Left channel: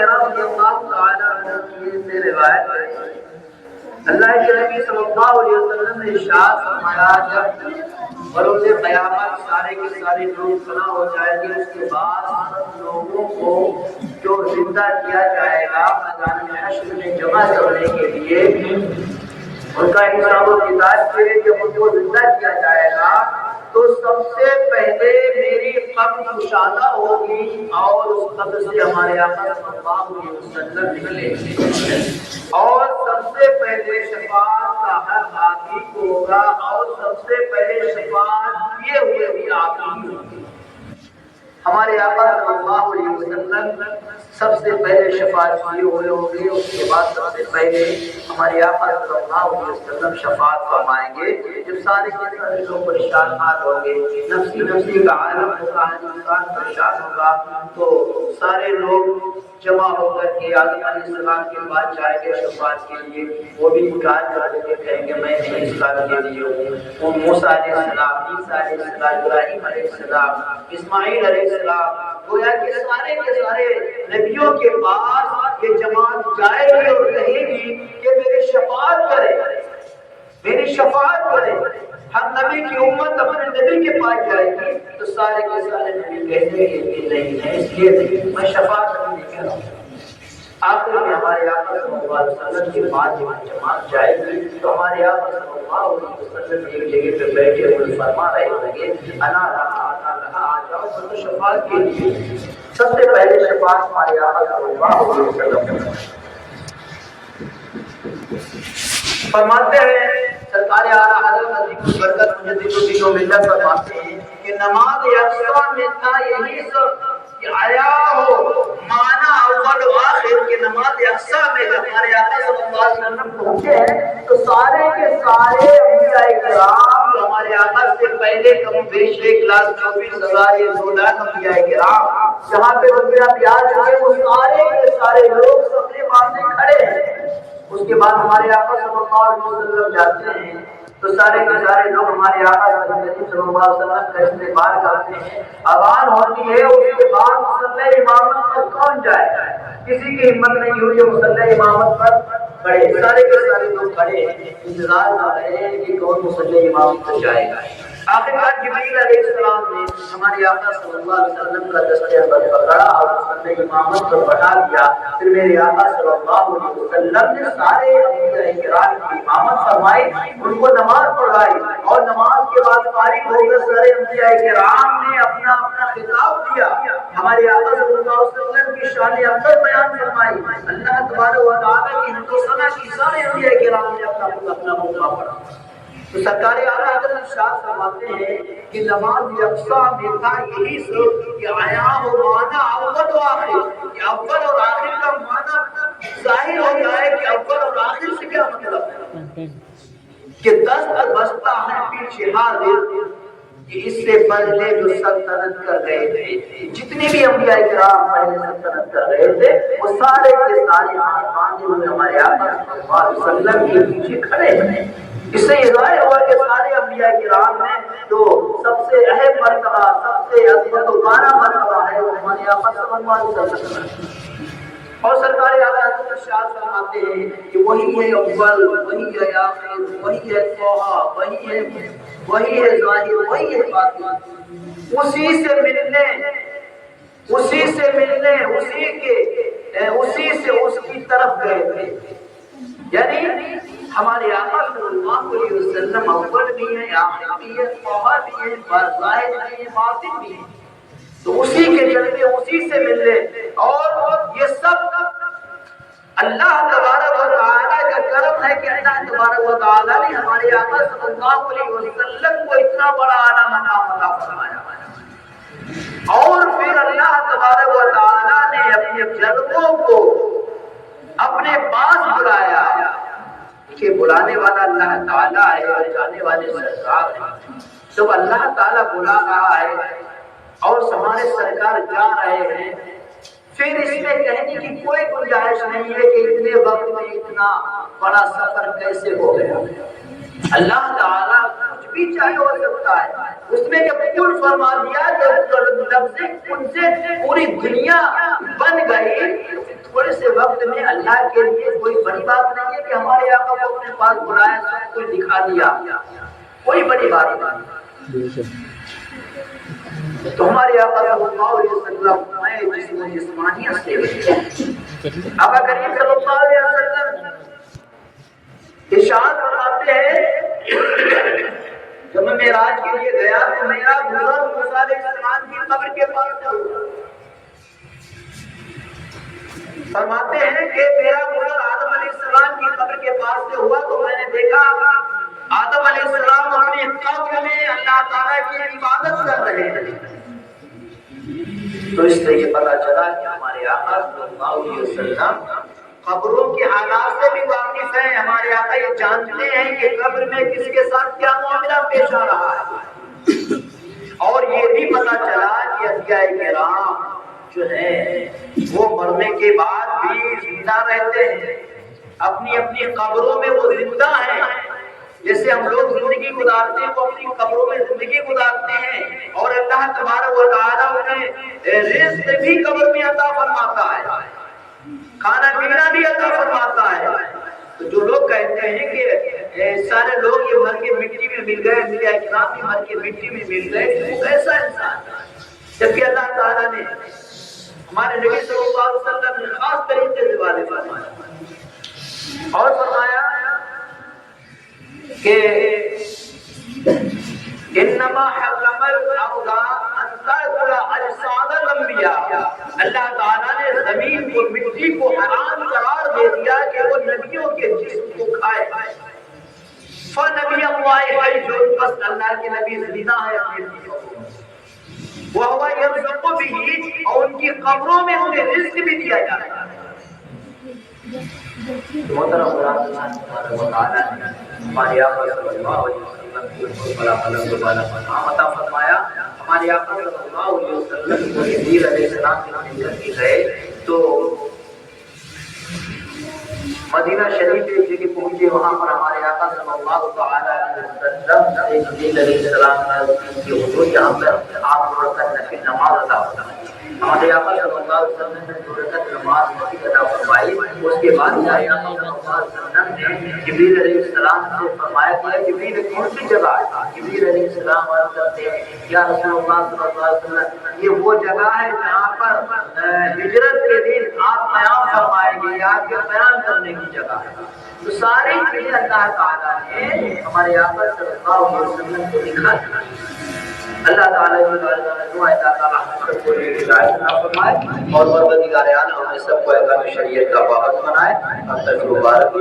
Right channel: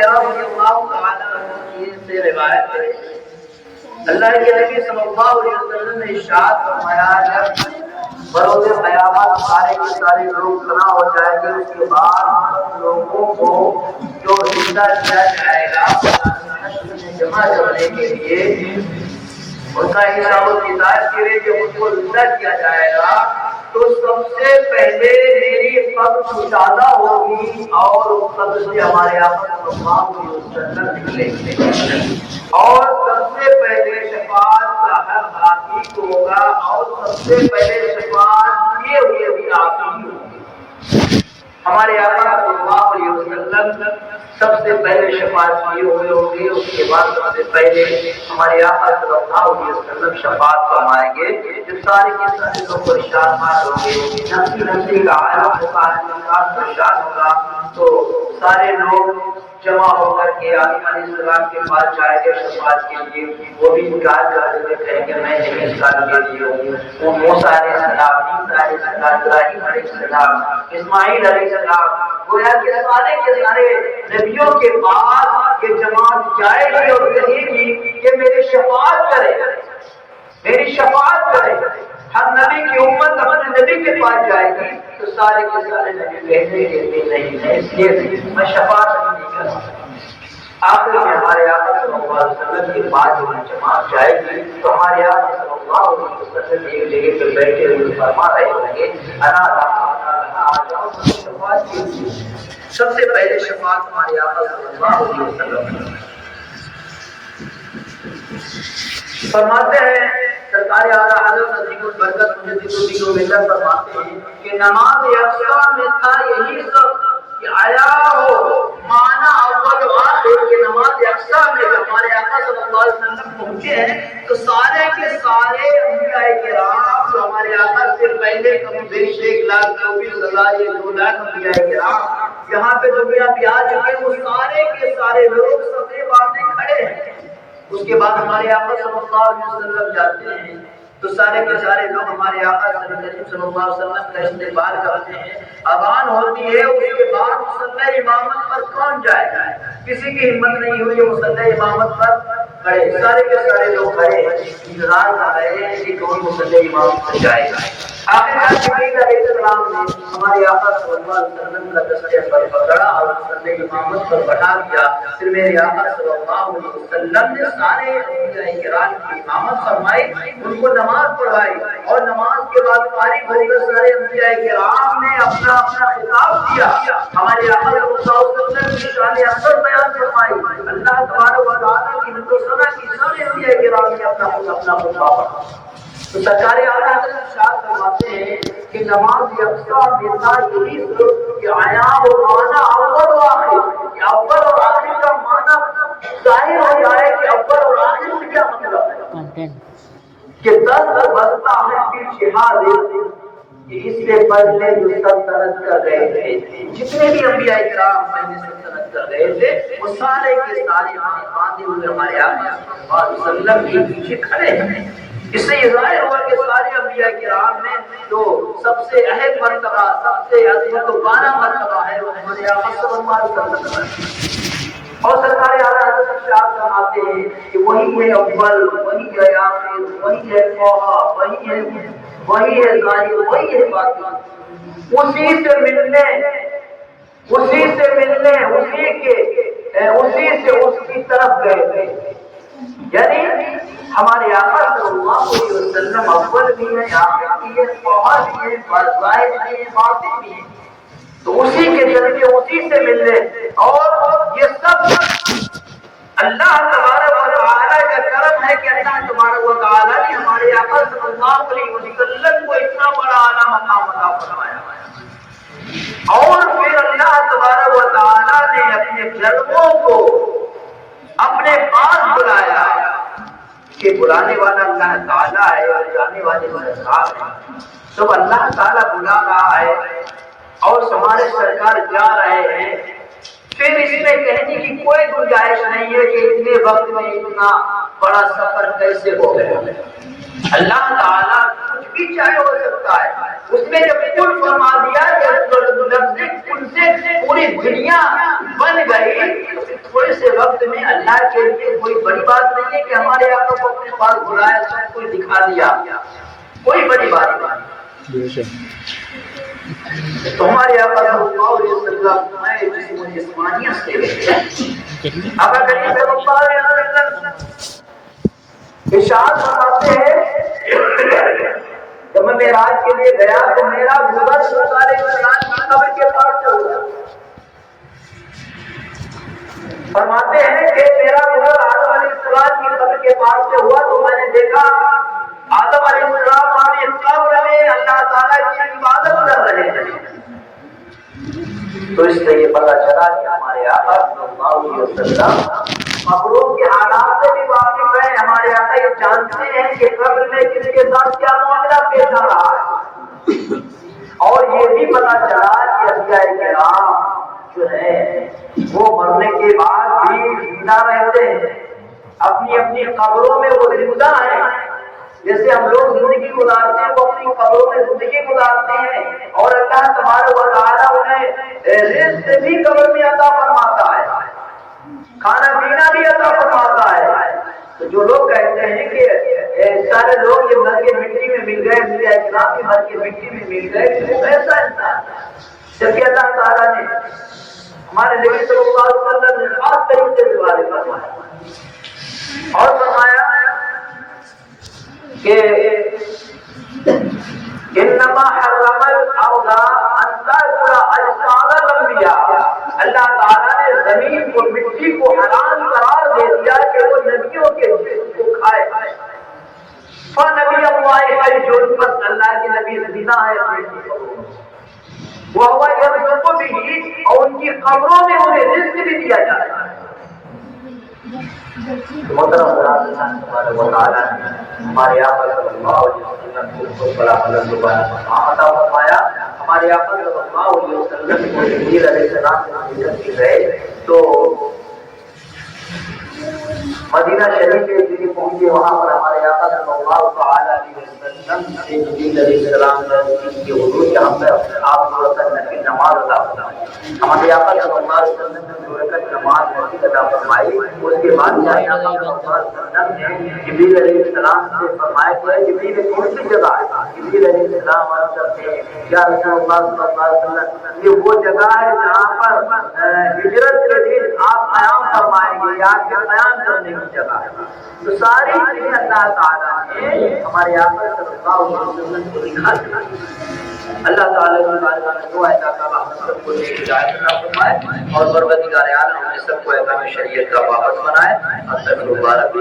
ہریرہ رضی اللہ تعالیٰ عنہ کی سے روایت ہے، اللہ کے نبی صلی اللہ علیہ وسلم نے ارشاد فرمایا جب بروز قیامت سارے کے سارے لوگ فنا ہو جائیں گے، اس کے بعد لوگوں کو جو زندہ کیا جائے گا میدان حشر میں جمع کرنے کے لیے، ان کا حساب و کتاب کے لیے جب ان کو زندہ کیا جائے گا تو سب سے پہلے میری قبر کشادہ ہوگی اور اس قبر سے ہمارے آقا صلی اللہ علیہ وسلم نکلیں گے، اور سب سے پہلے شفاعت کا حق آپ ہی کو ہوگا، اور سب سے پہلے شفاعت کیے ہوئے بھی آپ ہی ہوں۔ ہمارے آقا صلی اللہ علیہ وسلم سب سے پہلے شفاعت کیے ہوئے ہوں گے، اس کے بعد سب سے پہلے ہمارے آقا صلی اللہ علیہ وسلم شفاعت فرمائیں گے۔ جب سارے کے سارے لوگ پریشان ہوں گے، نفسی نفسی کا عالم ہوگا، انسان پریشان ہوگا، تو سارے لوگ جمع ہو کر کے آدم علیہ السلام کے پاس جائیں گے شفاعت کے لیے، وہ بھی انکار کر دیں گے، کہیں گے میں نہیں اس کام کے لیے ہوں۔ وہ موسیٰ علیہ السلام، عیسیٰ علیہ السلام، ابراہیم علیہ السلام، اسماعیل علیہ السلام، گویا کہ سارے کے سارے نبیوں کے پاس یہ جماعت جائے گی اور کہے گی کہ میری شفاعت کرے، میری شفاعت کرے۔ ہر نبی کی امت اپنے نبی کے پاس جائے گی تو سارے کے سارے نبی کہتے ہیں کہ نہیں میں اس لیے نہیں، میں شفاعت نہیں کروں۔ آخر میں ہمارے آقا صلی اللہ علیہ وسلم کے پاس جب جماعت جائے گی تو ہمارے آقا صلی اللہ علیہ وسلم ایک جگہ پہ بیٹھے ہوئے فرما رہے ہوں گے انا لہا آ جاؤ شفاعت کے لیے۔ سب سے پہلے شفاعت ہمارے آقا صلی اللہ علیہ وسلم فرماتے ہیں۔ سرکار اعلیٰ حضرت عظیم البرکت مجدد الدین و ملت فرماتے ہیں کہ نماز یکساں میں تھا یہی سب کہ آیا ہو معنی اول و آخر کے نماز یکساں میں جب ہمارے آقا صلی اللہ علیہ وسلم پہنچے ہیں تو سارے کے سارے انبیاء کرام جو ہمارے آقا سے پہلے کم بیش 1,24,000 یا 2 لاکھ انبیاء کرام یہاں پہ دنیا پہ آ چکے، وہ سارے کے سارے لوگ صفے باندھے کھڑے ہیں۔ اس کے بعد ہمارے آقا صلی اللہ علیہ وسلم جاتے ہیں تو سارے کے سارے لوگ ہمارے آقا صلی اللہ علیہ وسلم کا استقبال کرتے ہیں۔ اذان ہوتی ہے، اس کے بعد مصلی امامت پر کون جائے گا؟ کسی کی ہمت نہیں ہوئی کہ مصلی امامت پر کھڑے، سارے کے سارے لوگ کھڑے انتظار کر رہے ہیں کہ کون مصلی امامت پر جائے گا۔ آخر جبریل علیہ السلام نے ہمارے آقا صلی اللہ علیہ وسلم کا دستے پر پکڑا اور مصلی امامت پر بٹھا دیا۔ پھر میرے آقا صلی اللہ علیہ وسلم نے سارے انبیاء کرام کی امامت فرمائی، ان کو نماز پڑھائی، اور نماز کے بعد فارغ ہو کر سارے انبیاء کرام نے اپنا اپنا خطاب دیا۔ ہمارے آقا صلی اللہ علیہ وسلم کی شان افضل بیان فرمائی، اللہ تبارک و تعالیٰ کی حمد و ثنا کی، سارے انبیاء کرام نے اپنا خطبہ پڑھا۔ تو سرکار اعلیٰ حضرت ارشاد فرماتے ہیں کہ نماز یکساں میں تھا یہی سب کہ آیا ہو معنی اول و آخر، کہ اول اور آخر کا معنی ظاہر ہو جائے کہ اول اور آخر سے کیا مطلب ہے، کہ دست بستہ ہے پیچھے حاضر، کہ اس سے پہلے جو سلطنت کر رہے تھے، جتنے بھی انبیاء کرام پہلے سلطنت کر رہے تھے وہ سارے کے سارے باندھے ہوئے ہمارے آقا صلی اللہ علیہ وسلم کے پیچھے کھڑے ہیں۔ اس سے یہ ظاہر ہوا کہ سارے انبیاء کرام میں جو سب سے اہم مرتبہ، سب سے عظمت و بالا مرتبہ ہے وہ ہمارے آقا صلی اللہ علیہ وسلم ہے۔ اور سرکار اعلیٰ حضرت ارشاد فرماتے ہیں کہ وہی ہے اول، وہی ہے آخر، وہی ہے طٰہٰ، وہی ہے ظاہر، وہی ہے باطن۔ اسی سے ملنے، اسی سے اس کی طرف گئے تھے۔ یعنی ہمارے آقا صلی اللہ علیہ وسلم اول بھی ہے، آخر بھی ہے، طٰہٰ بھی ہے، ظاہر بھی ہے، باطن بھی ہے، تو اسی کے ذریعے اسی سے ملنے، اور یہ سب اللہ تبارک و تعالیٰ کا کرم ہے کہ اللہ تبارک و تعالیٰ نے ہمارے آقا صلی اللہ علیہ وسلم کو اتنا بڑا اعلیٰ مقام عطا فرمایا، اور پھر اللہ تبارک و تعالیٰ نے اپنے جلووں کو اپنے پاس بلایا، کہ بلانے والا اللہ تعالیٰ ہے اور جانے والے سرکار ہیں۔ جب اللہ تعالیٰ بلا رہا ہے اور ہمارے سرکار جا رہے ہیں، پھر اس میں کہنے کی کوئی گنجائش نہیں ہے کہ اتنے وقت میں اتنا بڑا سفر کیسے ہو گیا۔ اللہ تعالیٰ کچھ بھی چاہے ہو سکتا ہے، اس میں جب کن فرما دیا کہ لفظ کن سے پوری دنیا بن گئی، تھوڑے سے وقت میں اللہ کے لیے کوئی بڑی بات نہیں ہے کہ ہمارے آقا کو اپنے پاس بلایا سب کچھ دکھا دیا، کوئی بڑی بات نہیں۔ تو ہمارے آقا صلی اللہ علیہ وسلم میں جسم و جسمانیت سے آقا کریم صلی اللہ علیہ وسلم ارشاد فرماتے ہیں جب میں معراج کے لیے گیا تو میرا گزر موسیٰ علیہ السلام کی قبر کے پاس سے ہوا۔ فرماتے ہیں کہ میرا گزر آدم علیہ السلام کی قبر کے پاس سے ہوا تو میں نے دیکھا آدم علیہ السلام ہمیں قبر میں اللہ تعالیٰ کی عبادت کر رہے ہیں۔ تو اس سے یہ پتہ چلا کہ ہمارے آقا صلی اللہ علیہ وسلم قبروں کے حالات سے بھی واقف ہیں۔ ہمارے آقا یہ جانتے ہیں کہ قبر میں کس کے ساتھ کیا معاملہ پیش آ رہا ہے، اور یہ بھی پتہ چلا کہ انبیاء کرام جو ہے وہ مرنے کے بعد بھی زندہ رہتے ہیں، اپنی اپنی قبروں میں وہ زندہ ہیں۔ جیسے ہم لوگ زندگی گزارتے ہیں وہ اپنی قبروں میں زندگی گزارتے ہیں، اور اللہ تبارک و تعالیٰ انہیں رزق بھی قبر میں عطا فرماتا ہے، کھانا پینا بھی عطا فرماتا ہے۔ تو جو لوگ کہتے ہیں کہ سارے لوگ یہ مر کے مٹی میں مل گئے، انبیاء کرام بھی مر کے مٹی میں مل گئے، وہ ایسا انسان ہے، جبکہ اللہ تعالیٰ نے ہمارے نبی صلی اللہ علیہ وسلم نے خاص طریقے سے واضح فرمایا اور فرمایا کہ انما حرم الارض ان تاكل اجساد الانبیاء، اللہ تعالیٰ نے زمین کو، مٹی کو حرام قرار دے دیا کہ وہ نبیوں کے جسم کو کھائے۔ فنبی اللہ حی، بس اللہ کے نبی زندہ ہے، وہو یرزق بھی، اور ان کی قبروں میں انہیں رزق بھی دیا جاتا ہے۔ محترم ہمارے آقا صلی اللہ علیہ وسلم کو بہت بڑا علم عطا فرمایا۔ ہمارے آقا صلی اللہ علیہ وسلم کو جبریل علیہ السلام سے ملنے کے گئے تو مدینہ شریف کے جگہ پہنچے، وہاں پر ہمارے آقا صلی اللہ علیہ وسلم سے جبریل علیہ السلام کے حضور جہاں پر آپ کو رکعت نفل نماز ادا فرمائی۔ ہمارے آقا صلی اللہ علیہ وسلم نے جو رکعت نماز نفل ادا فرمائی، اس کے بعد ہمارے آقا صلی اللہ علیہ وسلم نے جبریل علیہ السلام سے فرمایا کہ جبریل کون سی جگہ ہے؟ جبریل علیہ السلام عرض کرتے ہیں یا رسول اللہ صلی اللہ علیہ وسلم، یہ وہ جگہ ہے جہاں پر ہجرت کے دن آپ قیام فرمائیں گے، یا آپ کے قیام کرنے کی جگہ ہے۔ تو ساری چیزیں اللہ تعالیٰ نے ہمارے آقا صلی اللہ علیہ وسلم کو دکھا دیا۔ اللہ تعالیٰ کی بارگاہ میں دعا ہے کہ اللہ ہم سب کو ہدایت عطا فرمائے اور پروردگار عالم ہم سب کو احکام شریعت کا پابند بنائے۔ اب تک مبارک